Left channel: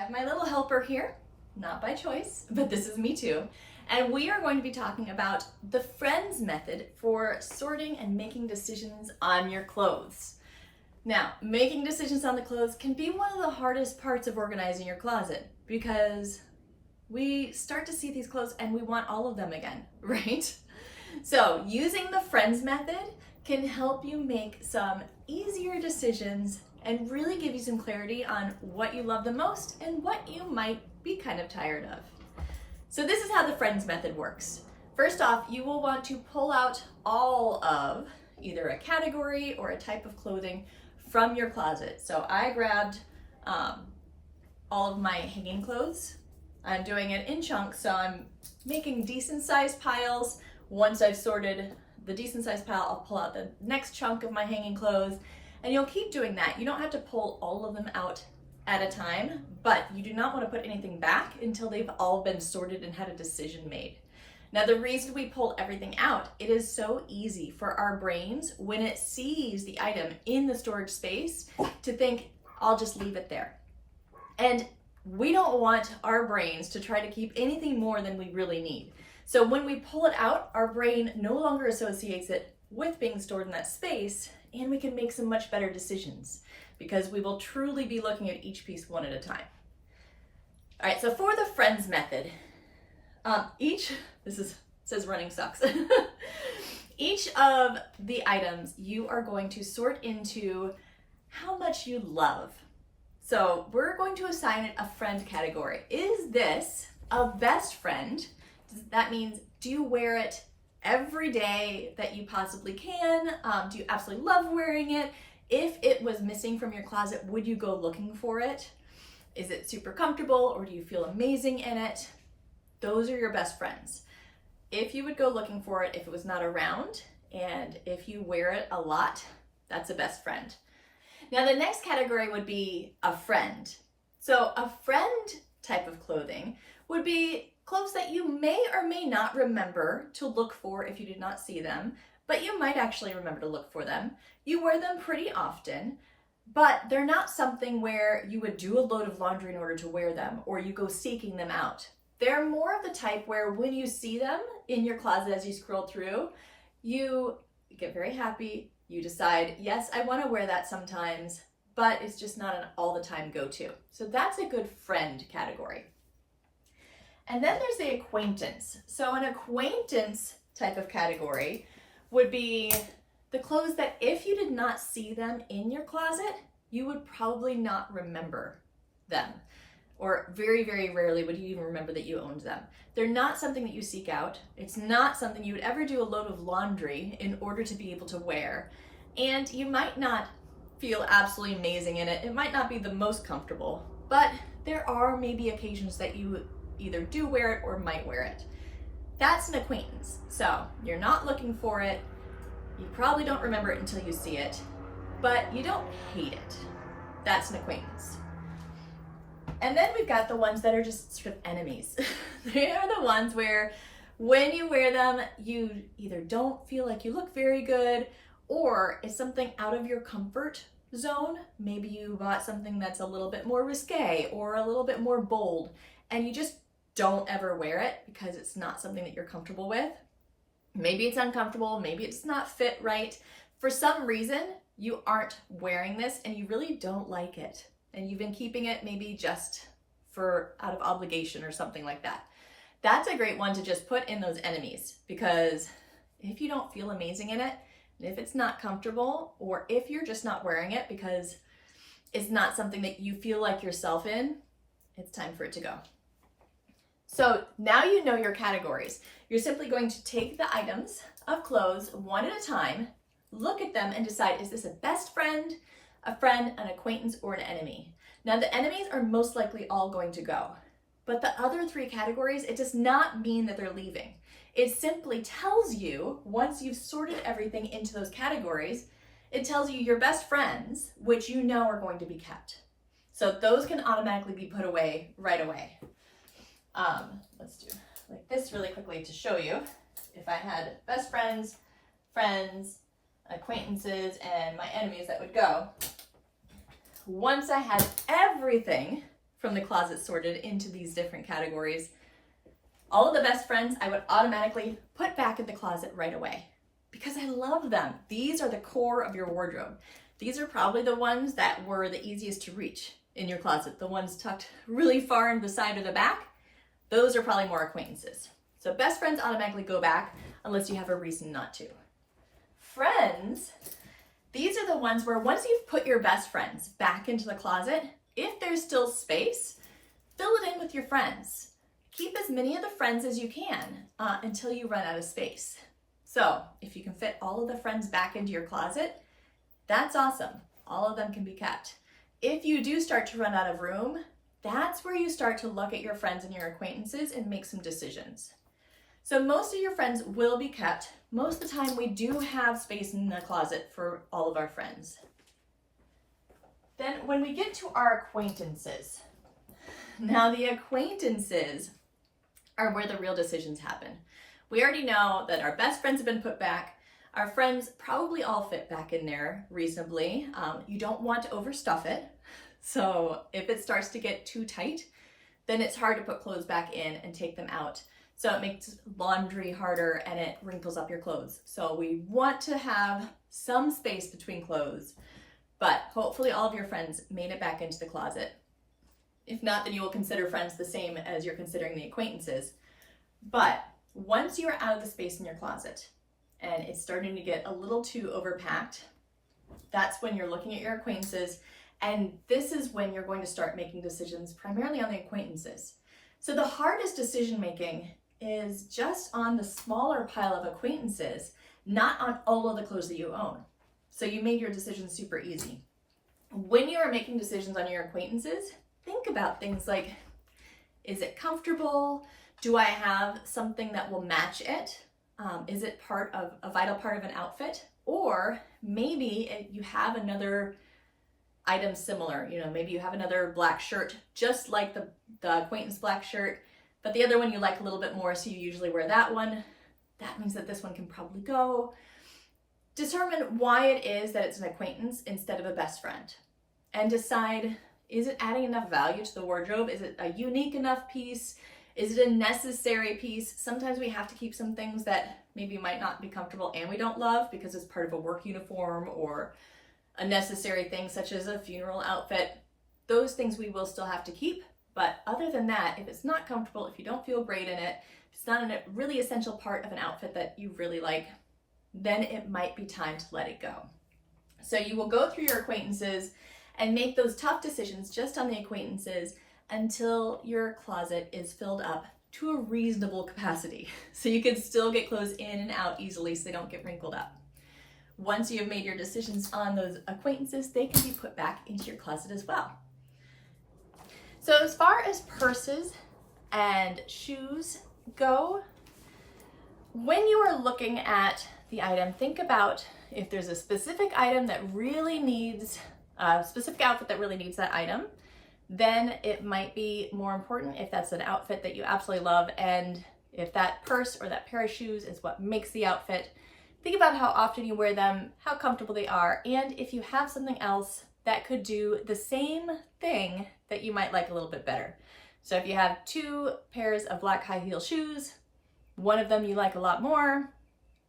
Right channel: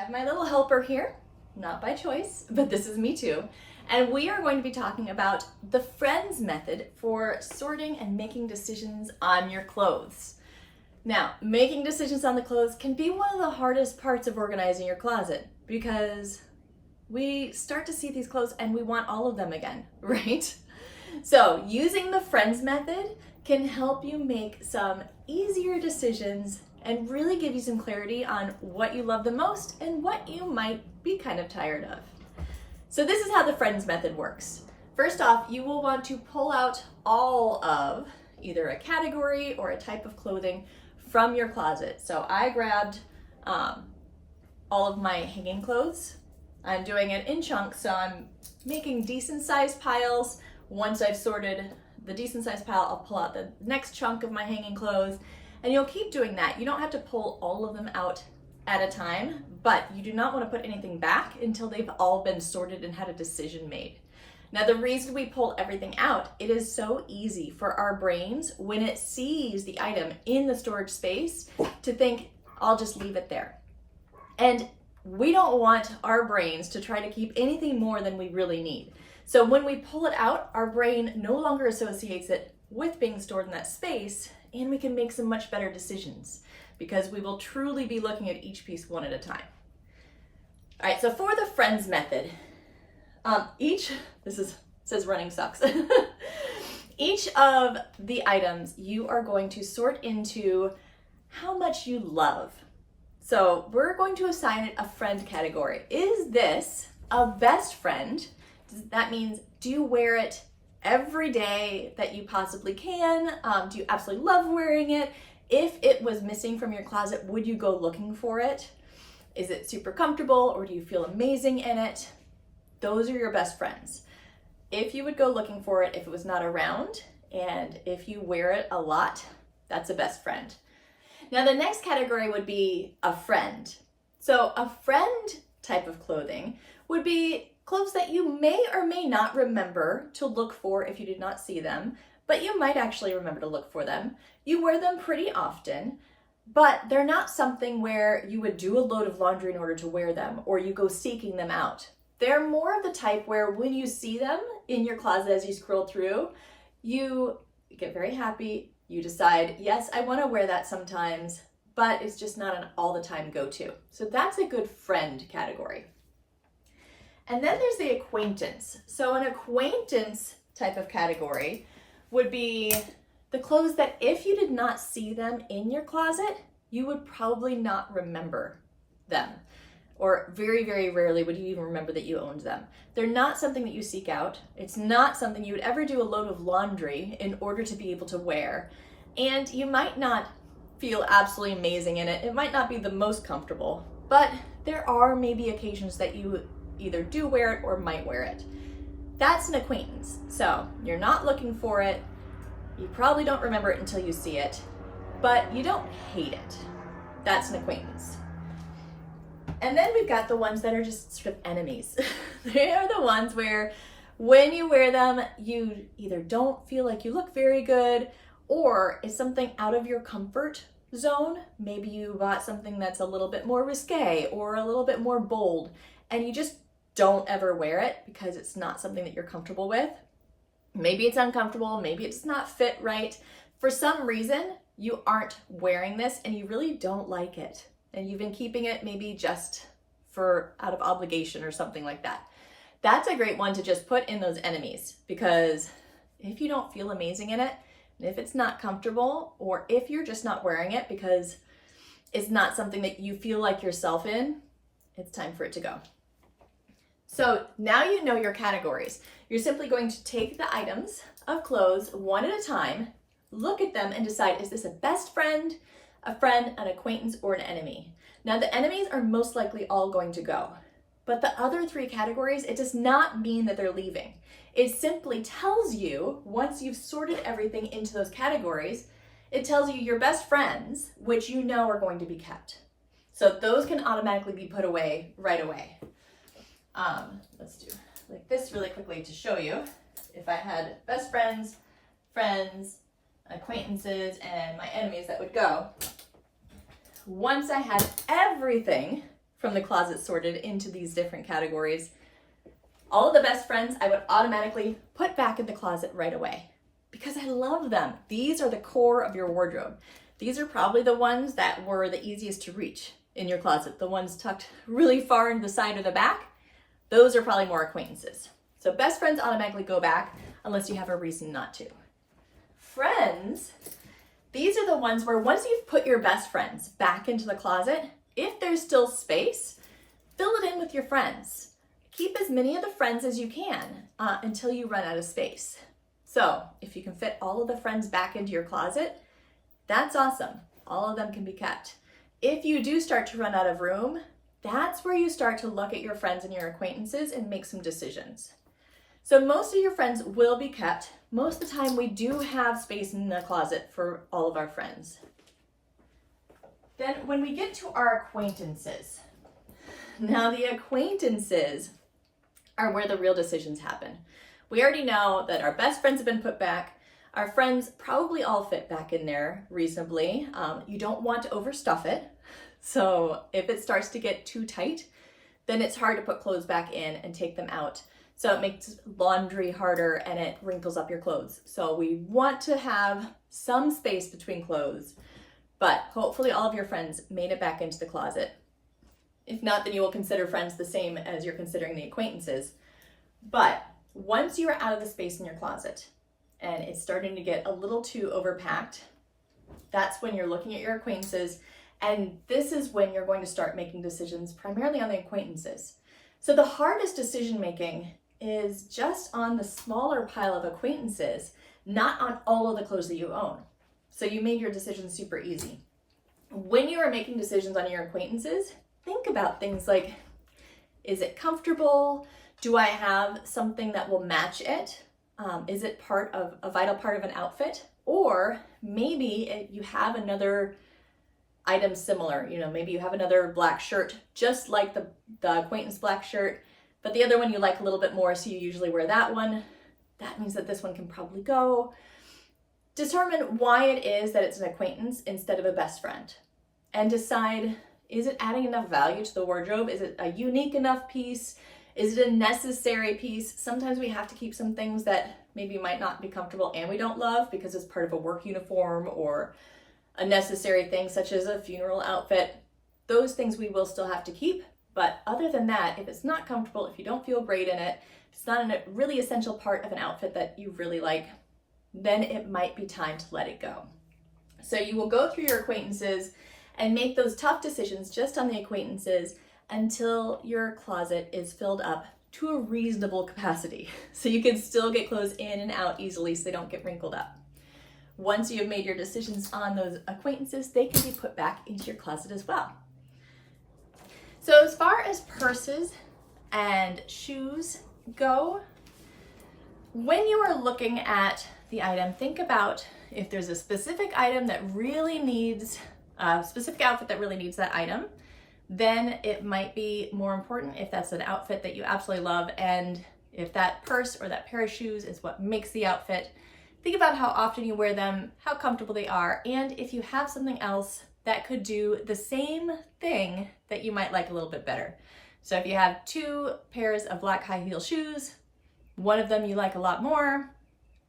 have my little helper here, not by choice, but this is me too. And we are going to be talking about the friends method for sorting and making decisions on your clothes. Now, making decisions on the clothes can be one of the hardest parts of organizing your closet because we start to see these clothes and we want all of them again, right? So using the friends method can help you make some easier decisions and really give you some clarity on what you love the most and what you might be kind of tired of. So this is how the friends method works. First off, you will want to pull out all of either a category or a type of clothing from your closet. So I grabbed all of my hanging clothes. I'm doing it in chunks, so I'm making decent sized piles. Once I've sorted the decent sized pile, I'll pull out the next chunk of my hanging clothes, and you'll keep doing that. You don't have to pull all of them out at a time, but you do not want to put anything back until they've all been sorted and had a decision made. Now, the reason we pull everything out, it is so easy for our brains when it sees the item in the storage space to think, I'll just leave it there. And we don't want our brains to try to keep anything more than we really need. So when we pull it out, our brain no longer associates it with being stored in that space, and we can make some much better decisions because we will truly be looking at each piece one at a time. All right, so for the friends method, says running socks. Each of the items you are going to sort into how much you love. So we're going to assign it a friend category. Is this a best friend? That means, do you wear it every day that you possibly can? Do you absolutely love wearing it? If it was missing from your closet, would you go looking for it? Is it super comfortable, or do you feel amazing in it? Those are your best friends. If you would go looking for it if it was not around, and if you wear it a lot, that's a best friend. Now the next category would be a friend. So a friend type of clothing would be clothes that you may or may not remember to look for if you did not see them, but you might actually remember to look for them. You wear them pretty often, but they're not something where you would do a load of laundry in order to wear them, or you go seeking them out. They're more of the type where when you see them in your closet as you scroll through, you get very happy. You decide, yes, I want to wear that sometimes, but it's just not an all the time go-to. So that's a good friend category. And then there's the acquaintance. So an acquaintance type of category would be the clothes that if you did not see them in your closet, you would probably not remember them. Or very, very rarely would you even remember that you owned them. They're not something that you seek out. It's not something you would ever do a load of laundry in order to be able to wear. And you might not feel absolutely amazing in it. It might not be the most comfortable, but there are maybe occasions that you either do wear it or might wear it. That's an acquaintance. So you're not looking for it. You probably don't remember it until you see it, but you don't hate it. That's an acquaintance. And then we've got the ones that are just sort of enemies. They are the ones where when you wear them, you either don't feel like you look very good, or it's something out of your comfort zone. Maybe you bought something that's a little bit more risque or a little bit more bold, and you just don't ever wear it because it's not something that you're comfortable with. Maybe it's uncomfortable, maybe it's not fit right. For some reason, you aren't wearing this and you really don't like it. And you've been keeping it maybe just for out of obligation or something like that. That's a great one to just put in those enemies, because if you don't feel amazing in it, and if it's not comfortable, or if you're just not wearing it because it's not something that you feel like yourself in, it's time for it to go. So now you know your categories. You're simply going to take the items of clothes one at a time, look at them and decide, is this a best friend, a friend, an acquaintance, or an enemy? Now the enemies are most likely all going to go, but the other three categories, it does not mean that they're leaving. It simply tells you, once you've sorted everything into those categories, it tells you your best friends, which you know are going to be kept. So those can automatically be put away right away. Let's do like this really quickly to show you. If I had best friends, friends, acquaintances, and my enemies that would go. Once I had everything from the closet sorted into these different categories, all of the best friends I would automatically put back in the closet right away because I love them. These are the core of your wardrobe. These are probably the ones that were the easiest to reach in your closet. The ones tucked really far in the side or the back, those are probably more acquaintances. So best friends automatically go back unless you have a reason not to. Friends, these are the ones where once you've put your best friends back into the closet, if there's still space, fill it in with your friends. Keep as many of the friends as you can until you run out of space. So if you can fit all of the friends back into your closet, that's awesome. All of them can be kept. If you do start to run out of room, that's where you start to look at your friends and your acquaintances and make some decisions. So most of your friends will be kept. Most of the time we do have space in the closet for all of our friends. Then when we get to our acquaintances, now the acquaintances are where the real decisions happen. We already know that our best friends have been put back. Our friends probably all fit back in there reasonably. You don't want to overstuff it. So if it starts to get too tight, then it's hard to put clothes back in and take them out. So it makes laundry harder and it wrinkles up your clothes. So we want to have some space between clothes, but hopefully all of your friends made it back into the closet. If not, then you will consider friends the same as you're considering the acquaintances. But once you are out of the space in your closet and it's starting to get a little too overpacked, that's when you're looking at your acquaintances, and this is when you're going to start making decisions primarily on the acquaintances. So the hardest decision making is just on the smaller pile of acquaintances, not on all of the clothes that you own. So you made your decisions super easy. When you are making decisions on your acquaintances, think about things like, is it comfortable? Do I have something that will match it? Is it part of a vital part of an outfit? Or maybe you have another item similar, maybe you have another black shirt, just like the acquaintance black shirt, but the other one you like a little bit more, so you usually wear that one. That means that this one can probably go. Determine why it is that it's an acquaintance instead of a best friend, and decide, is it adding enough value to the wardrobe? Is it a unique enough piece? Is it a necessary piece? Sometimes we have to keep some things that maybe might not be comfortable and we don't love because it's part of a work uniform or a necessary thing such as a funeral outfit. Those things we will still have to keep. But other than that, if it's not comfortable, if you don't feel great in it, if it's not a really essential part of an outfit that you really like, then it might be time to let it go. So you will go through your acquaintances and make those tough decisions just on the acquaintances until your closet is filled up to a reasonable capacity. So you can still get clothes in and out easily so they don't get wrinkled up. Once you've made your decisions on those acquaintances, they can be put back into your closet as well. So as far as purses and shoes go, when you are looking at the item, think about if there's a specific item that really needs, a specific outfit that really needs that item, then it might be more important if that's an outfit that you absolutely love, and if that purse or that pair of shoes is what makes the outfit. Think about how often you wear them, how comfortable they are, and if you have something else that could do the same thing that you might like a little bit better. So if you have two pairs of black high heel shoes, one of them you like a lot more,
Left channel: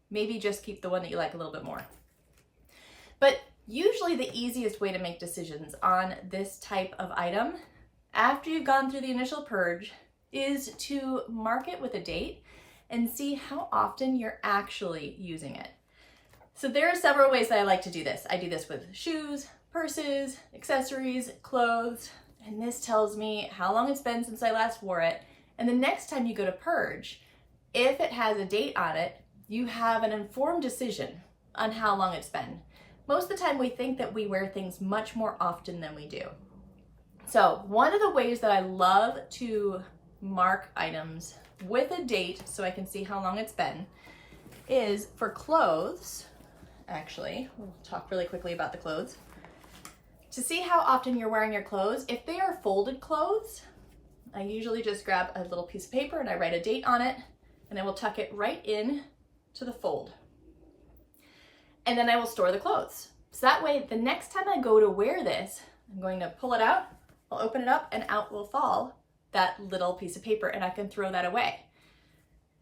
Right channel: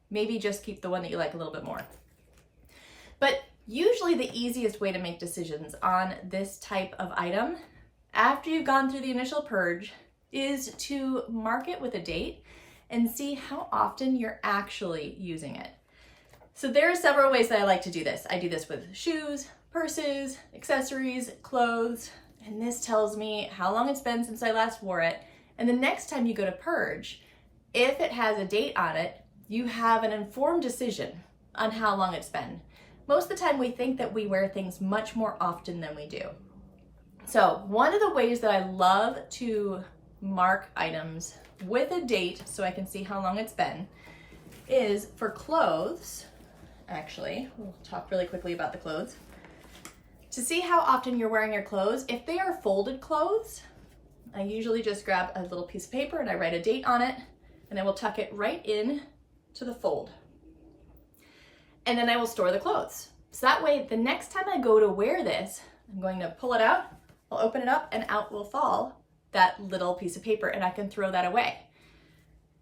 maybe just keep the one that you like a little bit more. But usually the easiest way to make decisions on this type of item, after you've gone through the initial purge, is to mark it with a date and see how often you're actually using it. So there are several ways that I like to do this. I do this with shoes, purses, accessories, clothes, and this tells me how long it's been since I last wore it. And the next time you go to purge, if it has a date on it, you have an informed decision on how long it's been. Most of the time we think that we wear things much more often than we do. So one of the ways that I love to mark items with a date so I can see how long it's been is for clothes. Actually, we'll talk really quickly about the clothes. To see how often you're wearing your clothes, if they are folded clothes, I usually just grab a little piece of paper and I write a date on it, and I will tuck it right in to the fold. And then I will store the clothes. So that way, the next time I go to wear this, I'm going to pull it out, I'll open it up and out will fall that little piece of paper and I can throw that away.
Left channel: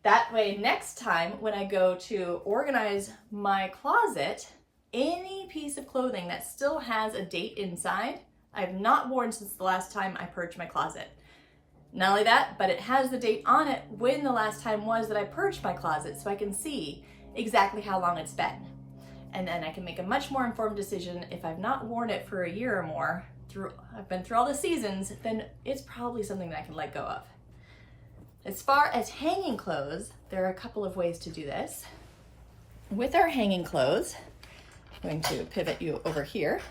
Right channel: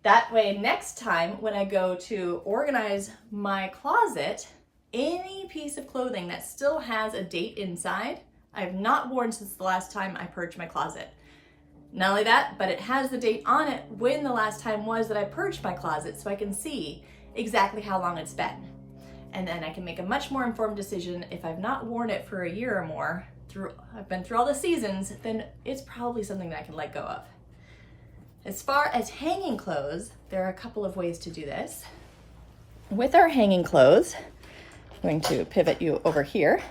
That way, next time when I go to organize my closet, any piece of clothing that still has a date inside, I have not worn since the last time I purged my closet. Not only that, but it has the date on it when the last time was that I purged my closet, so I can see exactly how long it's been. And then I can make a much more informed decision. If I've not worn it for a year or more, I've been through all the seasons, then it's probably something that I can let go of. As far as hanging clothes, there are a couple of ways to do this. With our hanging clothes, I'm going to pivot you over here.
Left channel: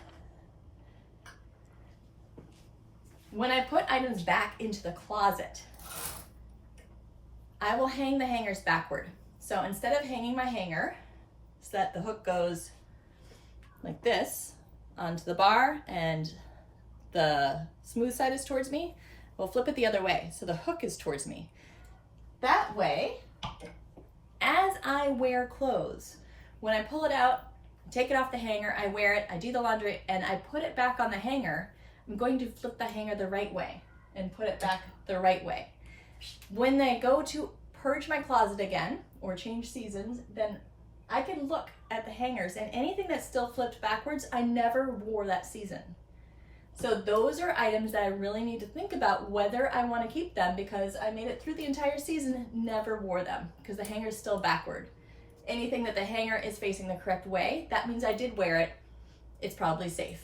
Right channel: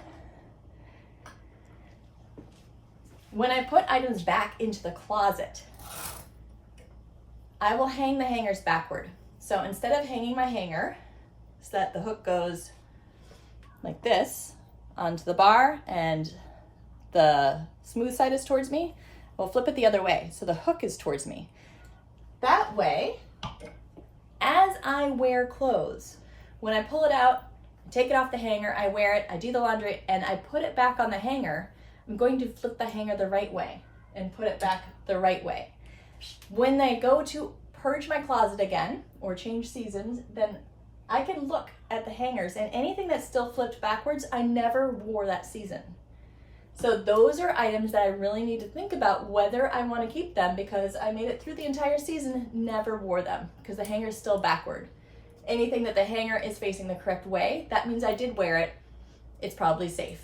When I put items back into the closet, I will hang the hangers backward. So instead of hanging my hanger so that the hook goes like this onto the bar and the smooth side is towards me, we'll flip it the other way so the hook is towards me. That way, as I wear clothes, when I pull it out, take it off the hanger, I wear it, I do the laundry, and I put it back on the hanger, I'm going to flip the hanger the right way and put it back the right way. When I go to purge my closet again or change seasons, then I can look at the hangers and anything that's still flipped backwards, I never wore that season. So those are items that I really need to think about whether I want to keep them because I made it through the entire season, never wore them because the hanger's still backward. Anything that the hanger is facing the correct way, that means I did wear it, it's probably safe.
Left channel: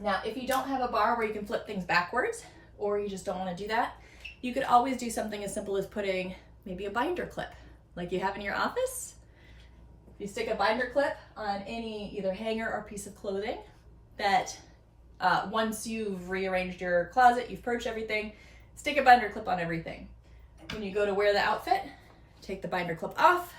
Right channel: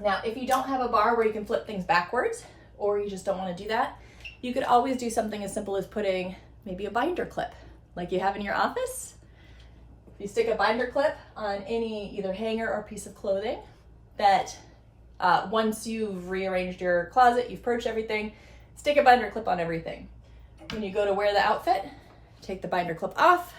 Now, if you don't have a bar where you can flip things backwards, or you just don't want to do that, you could always do something as simple as putting maybe a binder clip, like you have in your office. You stick a binder clip on any either hanger or piece of clothing that once you've rearranged your closet, you've purged everything, stick a binder clip on everything. When you go to wear the outfit, take the binder clip off,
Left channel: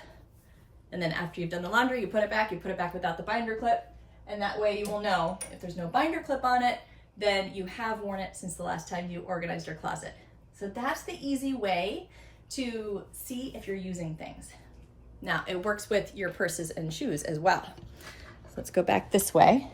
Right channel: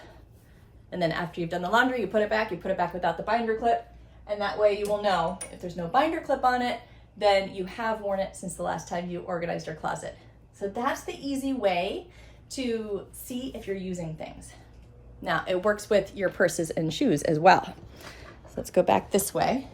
and then after you've done the laundry, you put it back without the binder clip, and that way you will know if there's no binder clip on it, then you have worn it since the last time you organized your closet. So that's the easy way to see if you're using things. Now, it works with your purses and shoes as well. So let's go back this way.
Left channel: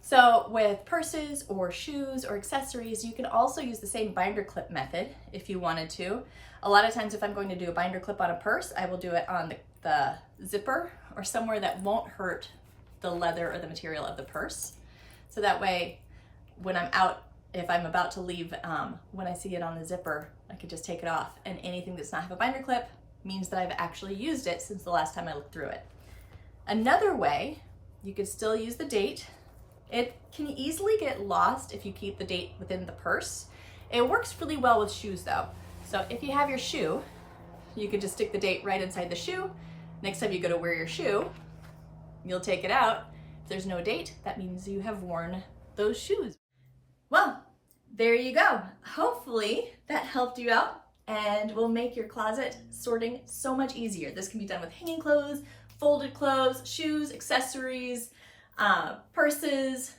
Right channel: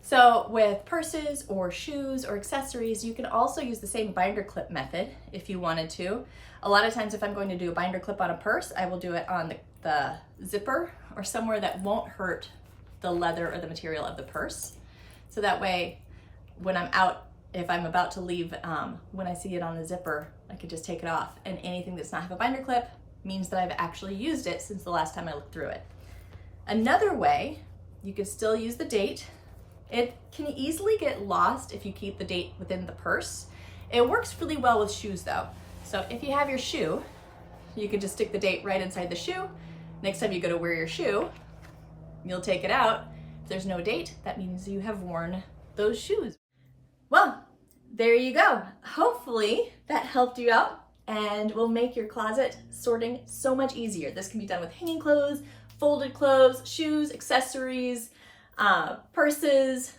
So with purses or shoes or accessories, you can also use the same binder clip method if you wanted to. A lot of times if I'm going to do a binder clip on a purse, I will do it on the zipper or somewhere that won't hurt the leather or the material of the purse. So that way, when I'm out, if I'm about to leave, when I see it on the zipper, I could just take it off. And anything that's not have a binder clip means that I've actually used it since the last time I looked through it. Another way, you could still use the date. It can easily get lost if you keep the date within the purse. It works really well with shoes though. So if you have your shoe, you can just stick the date right inside the shoe. Next time you go to wear your shoe, you'll take it out. If there's no date, that means you have worn those shoes. Well, there you go. Hopefully that helped you out and will make your closet sorting so much easier. This can be done with hanging clothes, folded clothes, shoes, accessories, purses,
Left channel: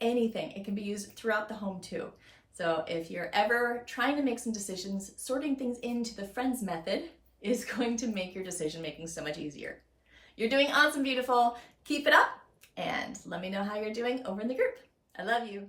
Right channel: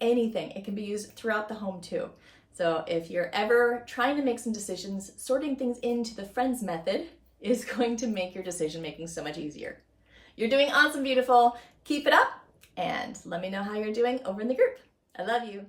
anything. It can be used throughout the home too. So if you're ever trying to make some decisions, sorting things into the friends method is going to make your decision making so much easier. You're doing awesome, beautiful. Keep it up and let me know how you're doing over in the group. I love you.